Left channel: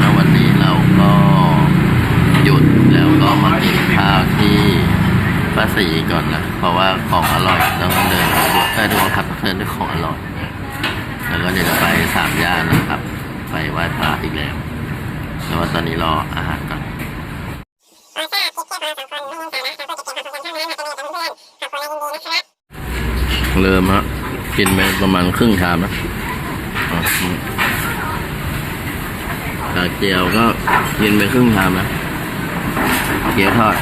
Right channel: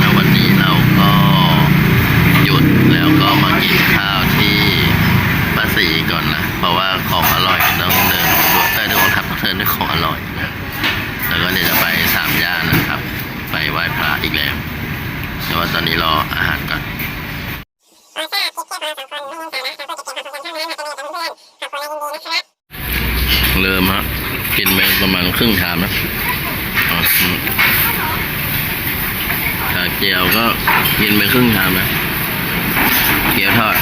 นะวันนี้เราก็หยุดแล้วก็มากินข้าวที่ป้าสีก่อนนะ เพราะว่าของอร่อยต้องเดินด้วยเออทุกคนครับต้องเดินด้วยของอร่อยนะ แล้วก็เดี๋ยวจะไปสามย่านนะครับ ไปไหว้พระอีกแล้วแต่ว่าตอนนี้รออาหารก่อนเริ่มฮะกินไปประมาณครึ่งชามนะ อ๋ออืมชาเจียวก็กินไปครึ่งชามนะเกี๊ยวทอด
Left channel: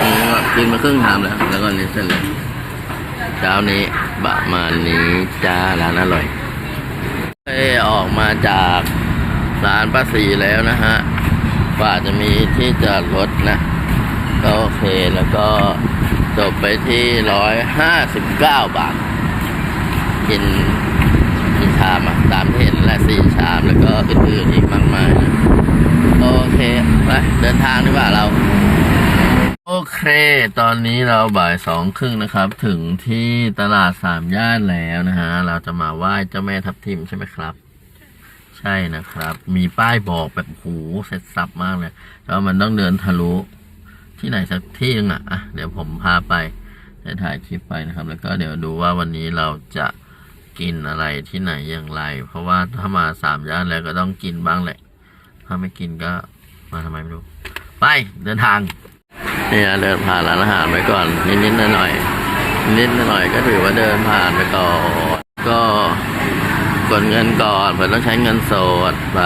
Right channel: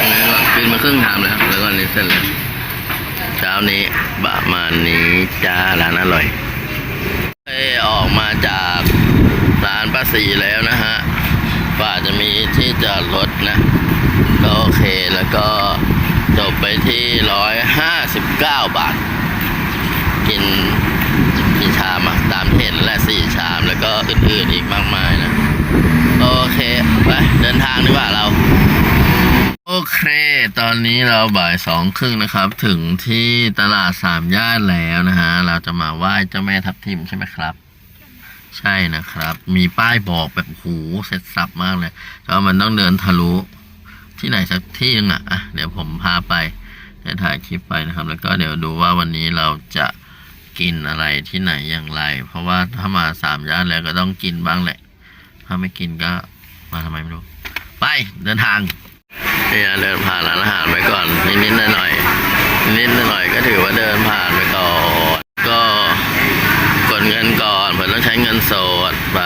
นี่ก็กินไปครึ่งชามแล้ว แล้วก็นี่เส้นเลยเช้านี้ประมาณนี้จ้าร้านอร่อยอออกมาจากร้านป้าสีแล้วนะฮะกว่าจะมีที่จอดรถนะก็โอเคแล้วก็จบไปที่ร้อยห้าสิบเก้าบาท กิน กี่ชามอะตามที่เห็นแหละสี่ชามแล้วก็อื่นๆอีกมากมายนะ โอเคไปเดินทางดีกว่าเรา โอเค ตอนนี้เราบ่ายสองครึ่งนะครับ ถึงที่ตลาดสามย่านแล้วนะฮะ เราจะมาไหว้เจ้าแม่ทับทิมใช่ไหมครับใช่นะครับ มีป้ายบอกแบบโอ้โหเสร็จสับมากเลยแล้วมันต้องเดินทะลุที่ไหนสักที่นึงอะอะ เดี๋ยวผมพาไปจะถ่ายคลิปไปนะครับ แล้วก็เดี๋ยวดูว่าวันนี้เราจะ กินอะไรที่ไหนอย่างไร เพราะว่าถ้ามาสามย่านแล้วก็ต้องกินบ้างแหละ ถ้าไม่กินก็มาทำไมไม่รู้ ไปเดินทางเนี่ยเดินผ่านร้านอาหารไปก่อน นิดๆหน่อยๆนิดๆหน่อยๆก็ถือว่าเดินผ่านไปก่อนก็กดเงินก่อนเผื่อต้องใช้เงินสดไป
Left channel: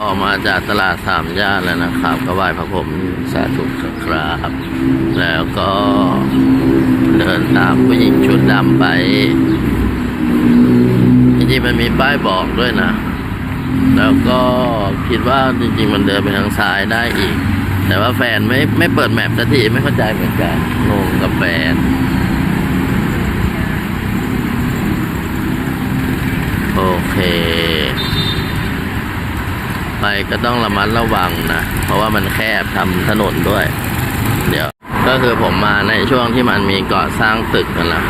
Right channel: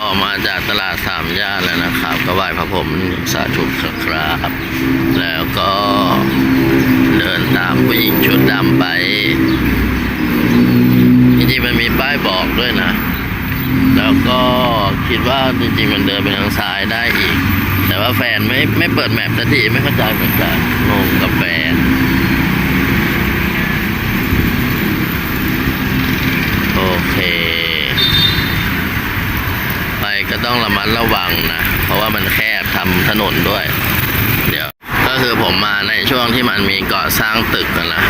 ออกมาจากตลาดสามย่านแล้วนะครับ ก็ไหว้พระผมสาธุครับ แล้วก็ ดินตามผู้หญิงชุดดำไป จริงๆมันมีป้ายบอกด้วยนะ แล้วก็คิดว่าจริงๆมันเดินไปทางซ้ายได้อีก แต่ว่าแฟนไม่ไม่เปิดแมปสักทีไม่เข้าใจเหมือนกันงงกับแฟนโอเค ไปก็ต้องระมัดระวังนะ เพราะว่ามันแคบทำถนนด้วย เดี๋ยว ก็คือผมมาในช่วงที่มันมีก่อสร้างตึกกันละ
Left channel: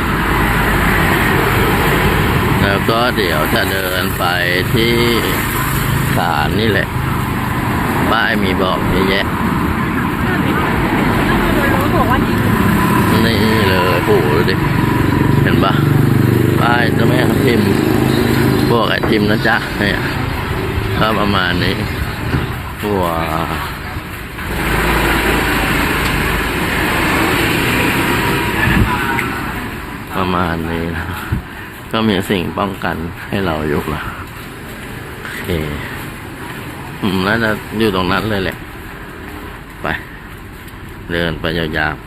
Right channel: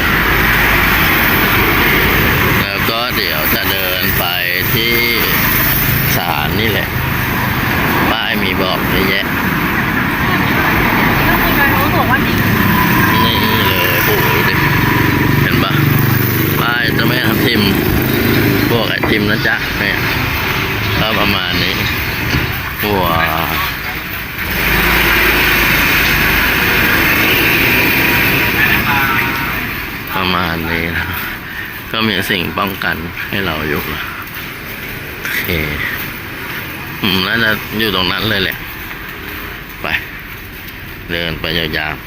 แล้วก็เดี๋ยวจะเดินไปที่ศาลนี่แหละ ป้ายมีบอกเยอะแยะนี่เลยโอ้โหดิเห็นปะป้ายจะไม่ทับทิมพวกไอติมนะจ๊ะเนี่ยก็ประมาณนี้ว้า ประมาณนี้นะก็มีสิ่งป้องกันให้เราอยู่ละโอเคอืมน่าจะอยู่ตรงนั้นเลยแหละ ไป เดินไปยาวๆ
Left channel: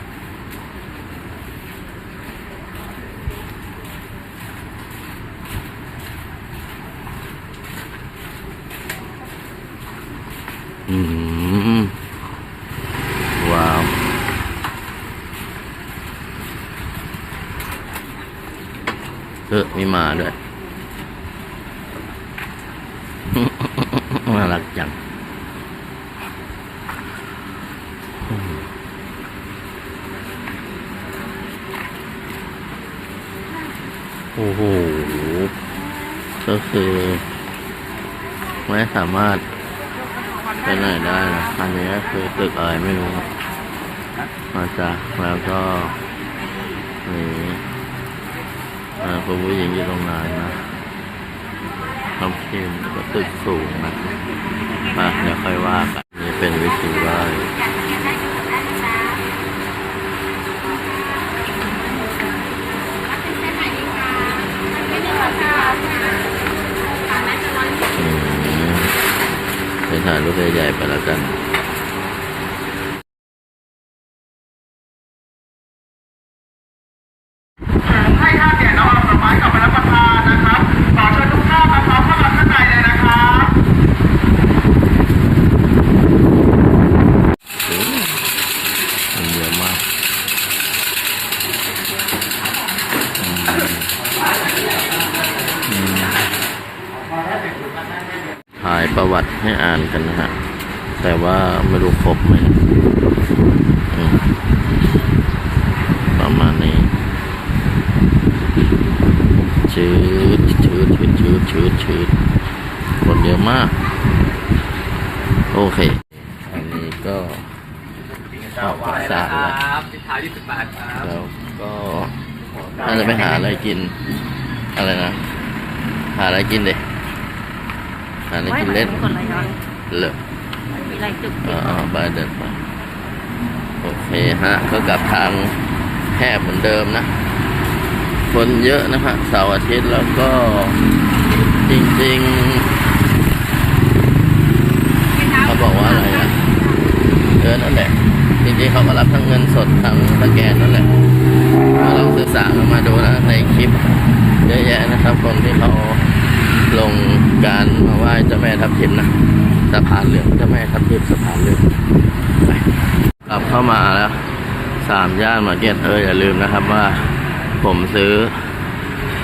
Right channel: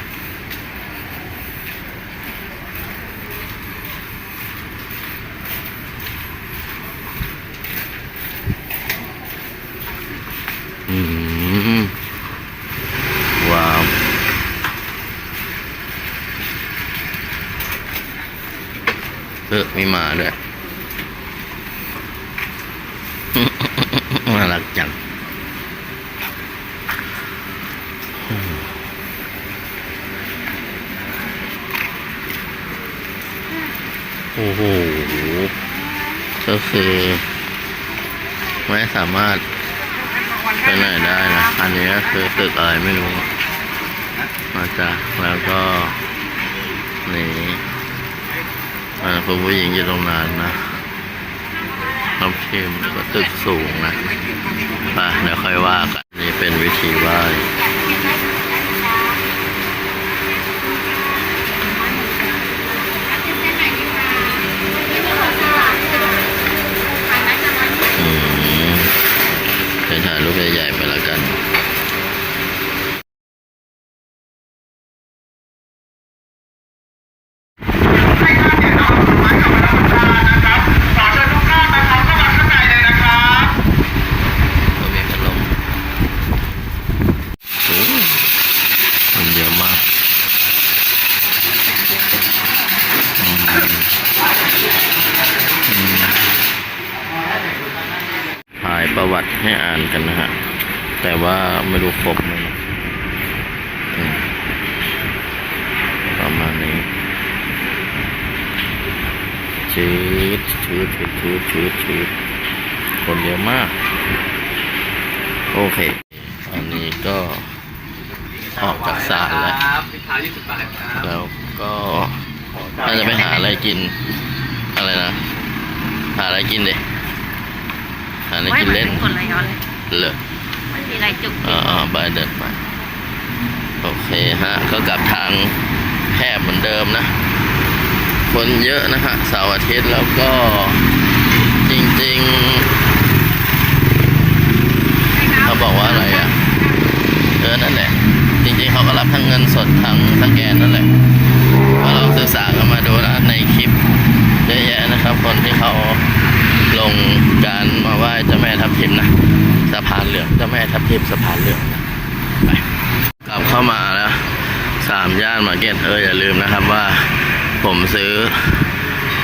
อืมว้าว เออมีหมาด้วยน่ารักจังโอ้โห ก็คือไม่สามารถไปไหนได้นะ อันนี้ก็คือตึกอะไรไม่รู้ มาจากแล้วก็นี่ อ่าคุณผู้หญิงอยู่ตรงนั้นนะน้ำทิมแล้วก็ตึกสูงนะอะเดี๋ยวค่อยว่ากันนี่เป็นวิธีไหว้อืมเดี๋ยวถ่ายรูปใหญ่ๆไปแล้วกันายประวัติให้อ่านกันนะฮะ แต่ว่าไม่รู้ครบไหมอืมประมาณนี้ชืดชืดชืดชืดชืดชืดคนเยอะมาก โอเค อันนี้ก็ออกจากศาลแล้วครับสิบขาวยี่สิบบาทครับแล้วก็น่าจะไปหาอะไรกิน อะไรนะ หาอะไรกินเด็ หาอะไรกินเล่นคนละย้อนเลยเลยมันมีอะไรจุกอ่าๆไปเดินไป โอเคฮะ ก็กลับทางแคบเหมือนเดิมนะ คนเยอะนะฮะเสาร์อาทิตย์แล้วก็จริง ๆ เขาบอกว่าอะไรอะ เออ นั่นแหละ จริง ๆ เขาก็รับทั้งเงินสดทั้งสแกนนั่นแหละ ก็ลองศึกษากันมาดูนะในคลิปเยอะแยะนะครับ คนที่เขา ลงการมาไหว้เจ้าแม่ทับทิมนะสะพานเหลืองเจ้าแม่ทับทิมสะพานเหลืองไปกลับเข้ามาแล้วสามย่านมาร์เก็ตเอออย่าลืมนะครับว่าผมซื้อ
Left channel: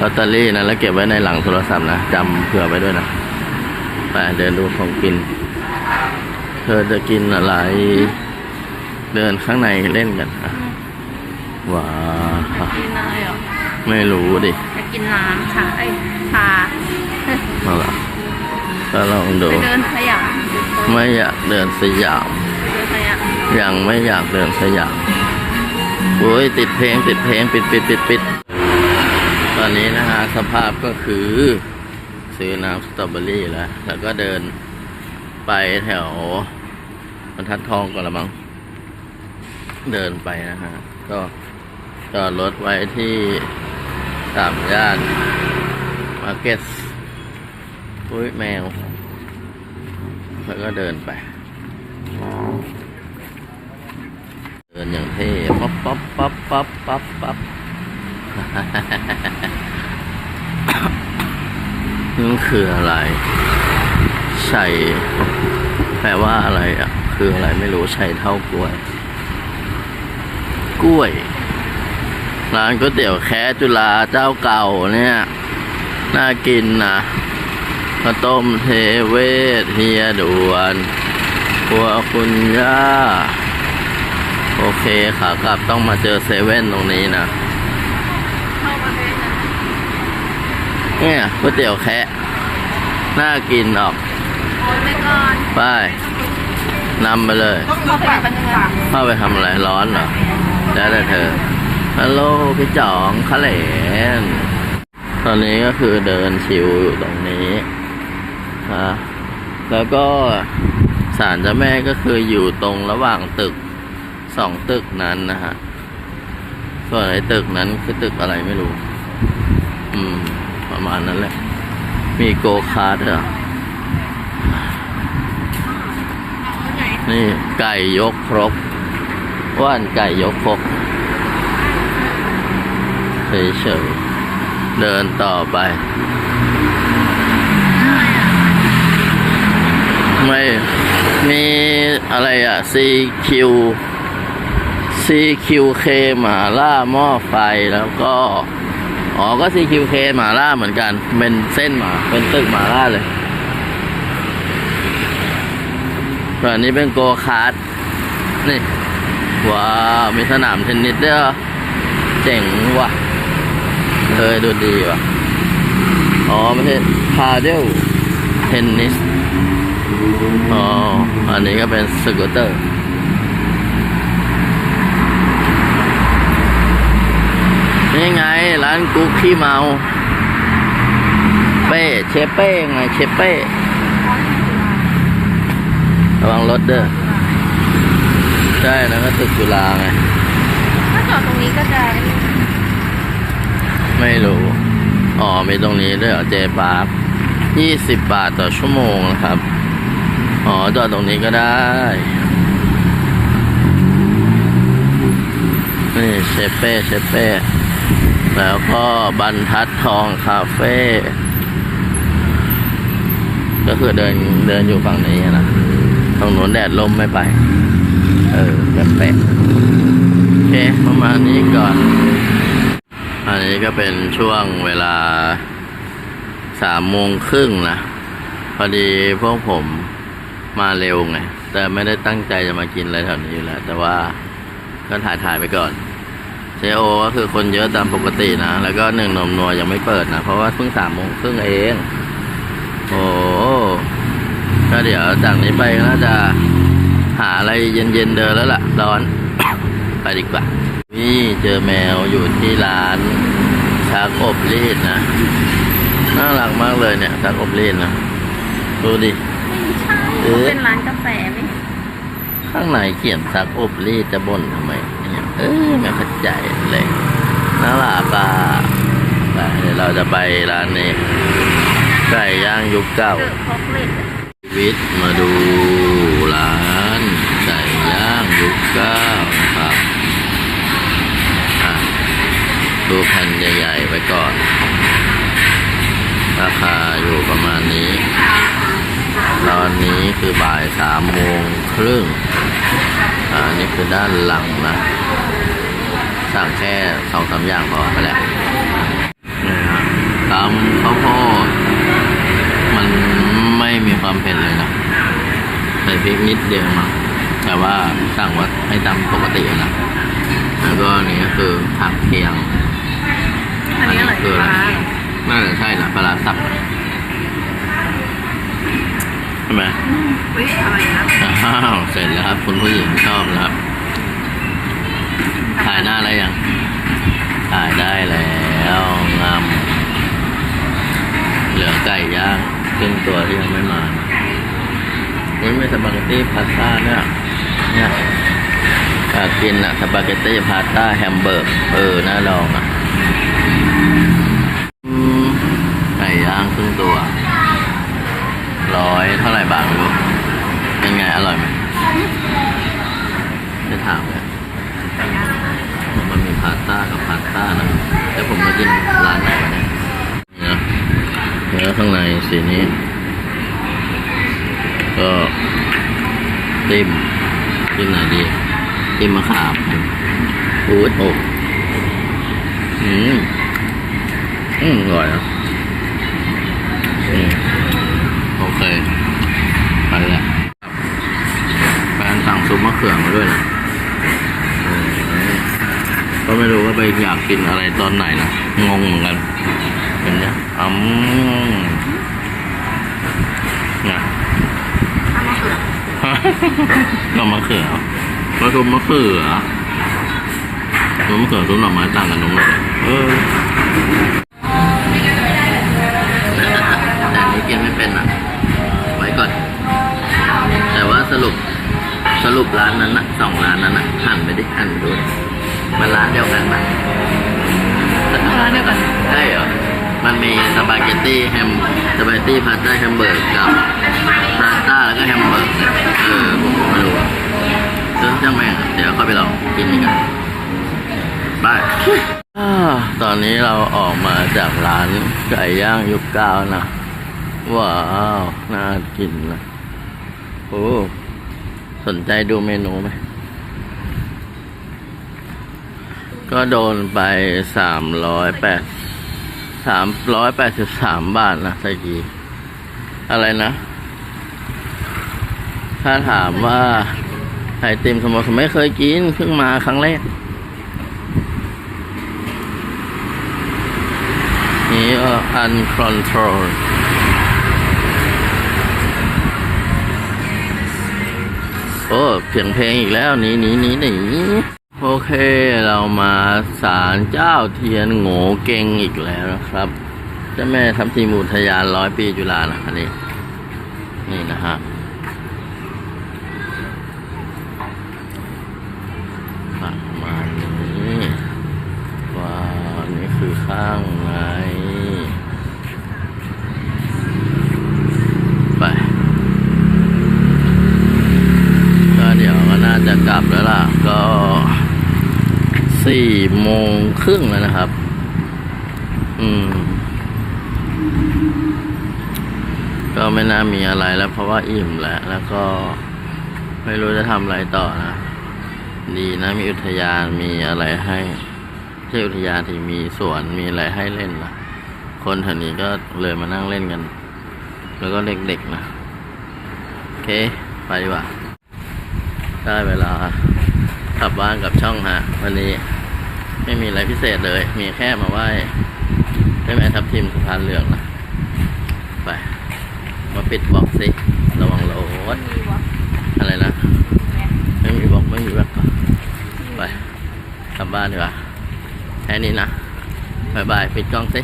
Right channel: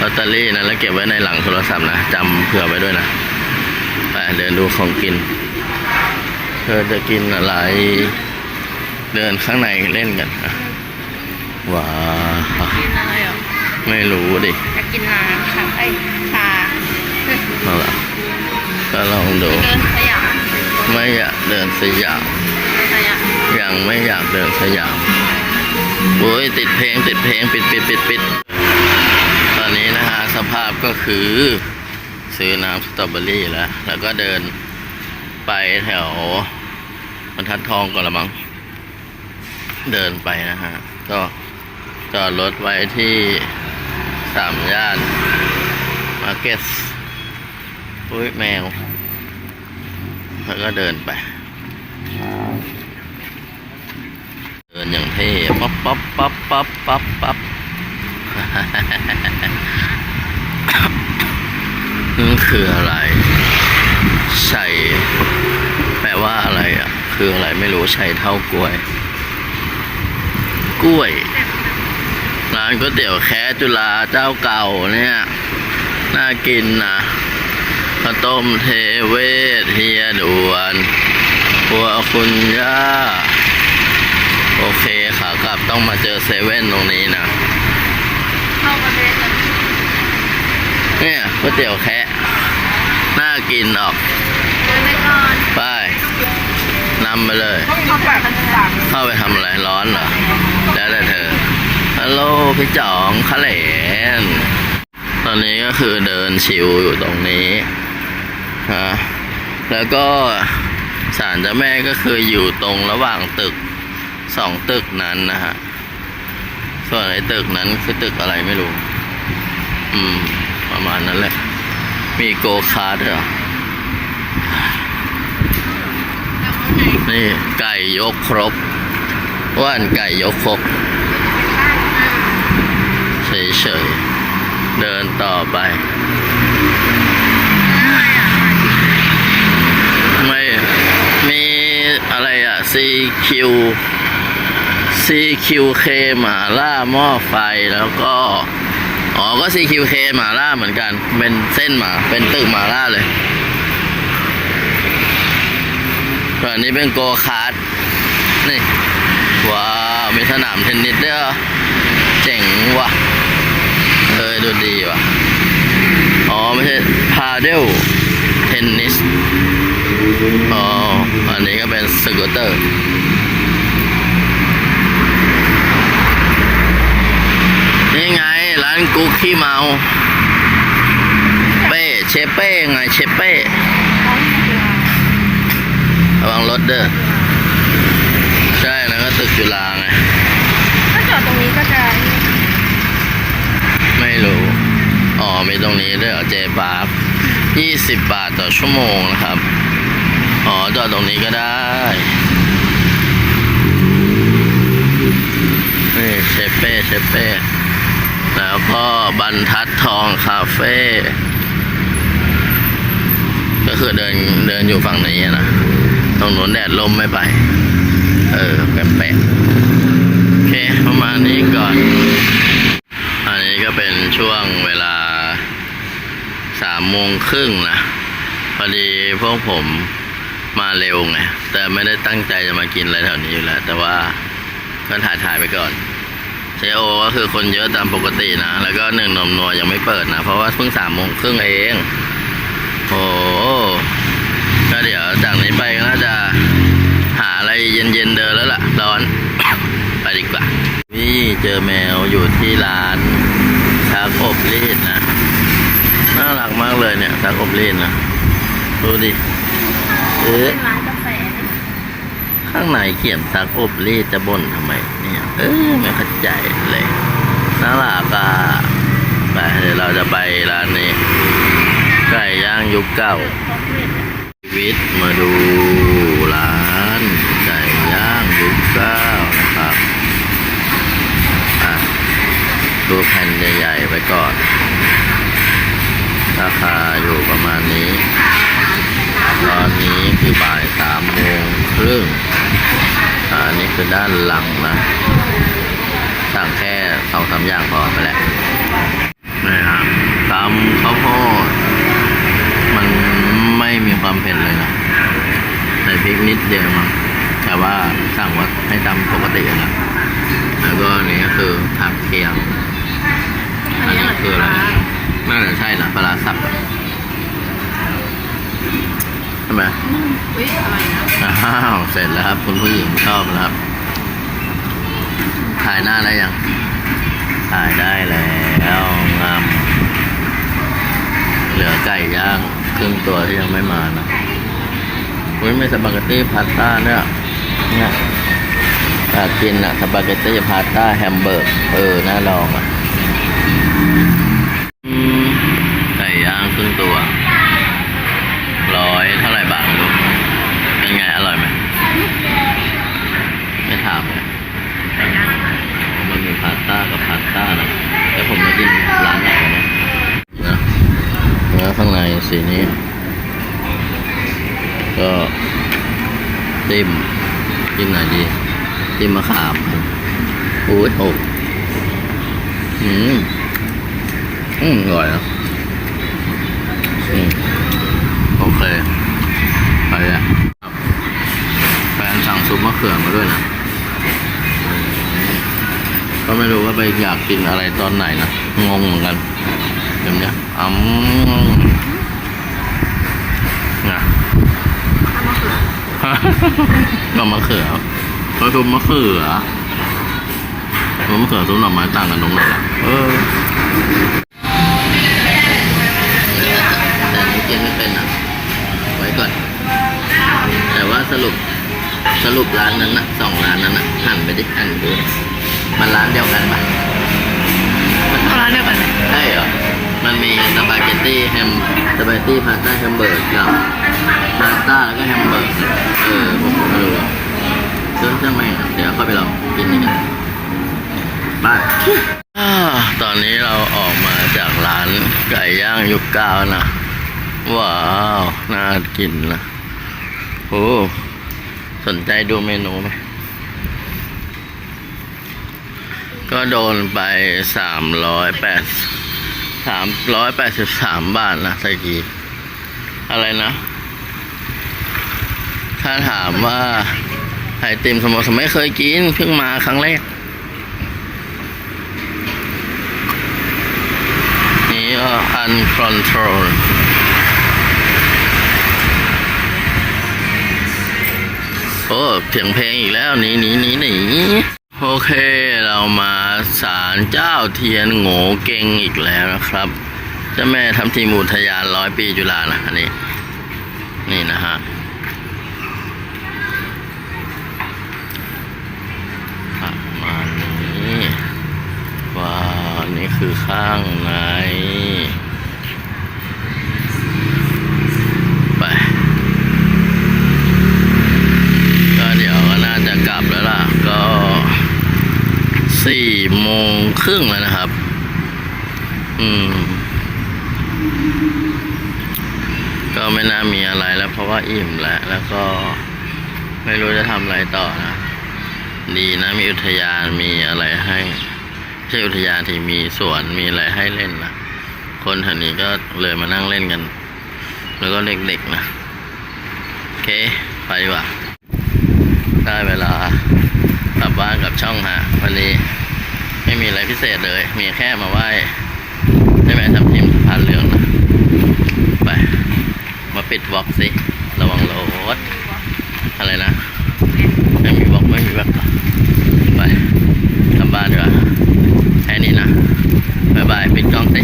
ลอตเตอรี่นะแล้วเก็บไว้ในหลังโทรศัพท์นะจำเผื่อไว้ด้วยนะไปเดินดูของกิน เธอจะกินอะไร เดินข้างในเล่นกันว้าว ไรอะไม่รู้ดิจะกินน้ำค่ะไอ้ชาเอาละก็ลองดู ไปเดินสยามไม่อยากเดินสยาม เดินสยามยังไม่อยากเดินสยามโอ้ยติดเพลงติดเพลงปิดปิดปิดปิดตอนนี้นะฮะสภาพก็คือ ซื้อน้ำสตรอเบอรี่แล้ว แล้วก็เดินไปแถวบรรทัดทองก่อนละมั้งเดินไปนะฮะ ก็จอดรถไว้ที่ สามย่านมาร์เก็ตอุ้ยแมว แล้วก็เดินไป เดินอย่างเท่ป๊อปป๊อปป๊อปป๊อปป๊อปป๊อปนั่นคืออะไร ใส่แปลว่าอะไรอะ คืออะไรไม่รู้ใส่เท่ากล้วย กล้วย ร้านก๋วยเตี๋ยวแค่จุฬาเจ้าเก่าเนี่ย น่ากินนะข้าวต้มเทเวศเฮียด่วนครัวคุณย่า โอเคขากลับต้องมาเจอเซเว่นตรงนี้นะเนี่ยก๋วยเตี๋ยวแคะน่ากินออก ไปนำไปเลย เข้าไปทำอะไรร้อนเหรอ แล้วแต่เธอ ฮัลโหลพี่จ๋องคะเหลนตอนนี้ก็คือเดินชิวอยู่ตรงนี้ฮะแล้วก็ศาลเจ้าแม่ก็คืออยู่ตรงระหว่างตึกสองตึกนั้นนะฮะ ส่วนไอ้ตึกนั้นคือตึกอะไรไม่รู้ อืม ประมาณนั้นแหละ มีโกคาร์ดเหรอ นี่ไก่ยกครกว่านไก่ยกครก เฉยๆ เดินต่อไป ไม่ มีอะไรอะ CQ CQK หมาล่าหม้อไฟแล้วก็ อ๋อ ก็ CQK หมาล่าเหมือนกัน เป็นเส้นหมา เป็นตึกหมาล่าเลยส่วนนี้เป็นโกคาร์ดนี่ ว้าว มีสนามเทนนิสด้วยเหรอเจ๋งว่ะ เออดูดีว่ะ อ๋อ ไม่ใช่พาเดลเทนนิส อ๋อ อันนี้ก็เป็นสกูตเตอร์นี่ไง ร้านกุ๊กขี้เมา เป้เชเป้ไงเชเป้ระวังรถเด้อ ใช่แล้วก็ตึกจุฬาไง ถ้าจอดตรงนี้ก็จะ ไม่รู้ อ๋อมีตรงนี้ด้วยเหรอเจบาร์ยี่สิบบาทต่อชั่วโมงนะครับ อ๋อจอดตรงนี้ก็ได้ นี่เชเป้เชเป้แล้วก็บรรทัดทองคาเฟ่ก็คือเดินเดินอยู่ฝั่งนี้นะตรงนู้นแดดลมไม่ไป เออ แปลกๆโอเค ประมาณนี้ก่อน อันนี้ก็เป็นช่วงเวลาสามโมงครึ่งนะ พอดีพวกผมมาเร็วไง แต่ไม่ได้ตั้งใจจะมากินอะไรแถวนี้อยู่แล้ว แต่ว่าก็ถ่ายถ่ายๆไปก่อนเจโอก็คือคนเยอะตามปกตินะ แล้วก็หนึ่งนมนัวยังไม่เปิดนะ เพราะว่าเพิ่งสามโมงครึ่งเอง โอ้ก็เดี๋ยวจากนี้ไปก็น่าจะหาอะไรเย็นๆเดินแล้วล่ะ ร้อน ไปดีกว่า นี่เจอแมวอยู่ที่ร้านชักอบรีดนะ น่ารักมากเลยเนี่ยชักอบรีดนะ ดูดิ เอ๊ะเป็นร้านกาแฟไหมข้างในเขียนซักอบรีดจะบ่นทำไม เนี่ย เออไม่เข้าใจเลย น่ารักอะไปเดี๋ยวเราจะไปร้านนี้ ไก่ย่างยุคเก่าพกเล็ดชีวิตมาดูร้านไก่ย่างยุคเก้านะครับอะ ดูแผ่นใหญ่ ๆ ไว้ก่อน ราคาอยู่ประมาณนี้ ตอนนี้คือบ่ายสามโมงครึ่งอ่าอันนี้คือด้านหลังนะ สั่งแค่สองสามอย่างพอไปแหละนี่นะตำข้าวโพดมันไม่มีความเผ็ดเลยนะใส่พริกนิดเดียวมั้งแต่ว่าสั่งว่าให้ตำปกติอะนะแล้วก็อันนี้ก็คือผักเคียง อันนี้อร่อยคืออะไรปลาน่าจะใช่นะปลาร้าสับอะใช่ไหมเฮ้ยอร่อยนะอ้าวเสร็จแล้วครับ คุณผู้หญิงชอบแล้วครับ ถ่ายหน้าได้ยัง ถ่ายได้แล้วงามเหลือไก่ย่างครึ่งตัวที่ยังไม่มานะอุ้ยไม่สปาเกตตี้พาสต้าเนี่ยเนี่ยอยากกินอะสปาเกตตี้พาสต้าแฮมเบอร์กเออน่าลองอะอืม กลางครึ่งตัว ร้อยเท่าไหร่บาทไม่รู้เป็นไง อร่อยไหมไม่ถามเลยมันมีพาสต้ากับพาสต้านะแล้วผมมากินร้านไหนกันนะเนื้อเนื้อข้างในสีนี้ ก็ติ้มกินไหนดี ติ้มมะขามอุ้ยโอ้อืม อืมอร่อยอะอืมโอเค ไปแล้วแฟนสั่งซุปมะเขือมาด้วยนะอืม ก็ไม่รู้ว่าไปอยากกินอะไรตอนไหนนะ งงเหมือนกันแบบเนี้ยอืมนะทำมะเขือก็มะเขือก็ซุปมะเขือซุปมะเขือซุปหน่อไม้ต่างกันตรงไหนล่ะเออแต่อันนี้กินไม่เป็นอะไว้ก่อน แต่ว่าสรุปสรุปร้านนั้นนะสองร้านนั้นนะหันไปดิหันไปดูดิ มันร้านเดียวกันไหมเอาร้านเดียวกันใช่เหรอ มันมีสปาเกตตี้แฮมสปาเกตตี้พาสต้าแฮมเบอร์กกับพาสต้าแล้วก็แฮมเบอร์กเนี่ยเออผมผมไม่รู้อะเรื่องช่างแม่งอะเดี๋ยวเข้าไปลองกินนี่กันไปอ่าตอนนี้เราออกมาจากร้านไก่ย่างยุคเก้านะ ว้าว น่ากินนะโอ้สนใจดูเมนูไหม ก็โดนไปสามร้อยแปดสามร้อยแปดสิบสามบาทนะตะกี้ อะไรนะ ถ้าถามว่าไอติมสโมสรไม่เคยกิน เพิ่งมาครั้งแรก นี่ก็ uncontrol โอ้เสียงเพลงอีกแล้วหนีหนีหนีหนี โอเคเรามาศาลเจ้าเทียนโง่เก่งอีกแล้วนะครับเจ้าแม่ทำทีมอุทยานร้อยปีจุฬานะอันนี้ นี่นะฮะประมาณนี้ว้าวนี่คือข้างใน ไปก็เดี๋ยวก็น่าจะกลับแล้วล่ะก็ สี่โมงครึ่งแล้วนะครับ อืม ก็ไม่น่ามีอะไรแล้ว เพราะว่าอิ่มแล้ว แล้วก็ไม่รู้จะทำอะไรต่อนะ ดีนะ มีอุทยานมีอะไรให้ไม่ใช่อุทยานที่มีสวนมีอะไรให้เล่นนะคนแถวนี้ก็เลยมานั่งเล่นกัน แล้วก็เด็กๆนะ โอเค ไปดีกว่า ได้เวลา กลับบ้านกับช่องฮะวันนี้ไม่มีอะไรพิเศษเลย มีแค่มาไหว้ใช่ไหมทับทิมสะพานเหลืองนะ ไป มาปิดบล็อกสิ ระวังรถอะไรนะ ไม่มีบล็อกไม่มีแบ็คไปกลับบ้านดีกว่าแค่นี้นะบายบาย ปิดกล้องสิ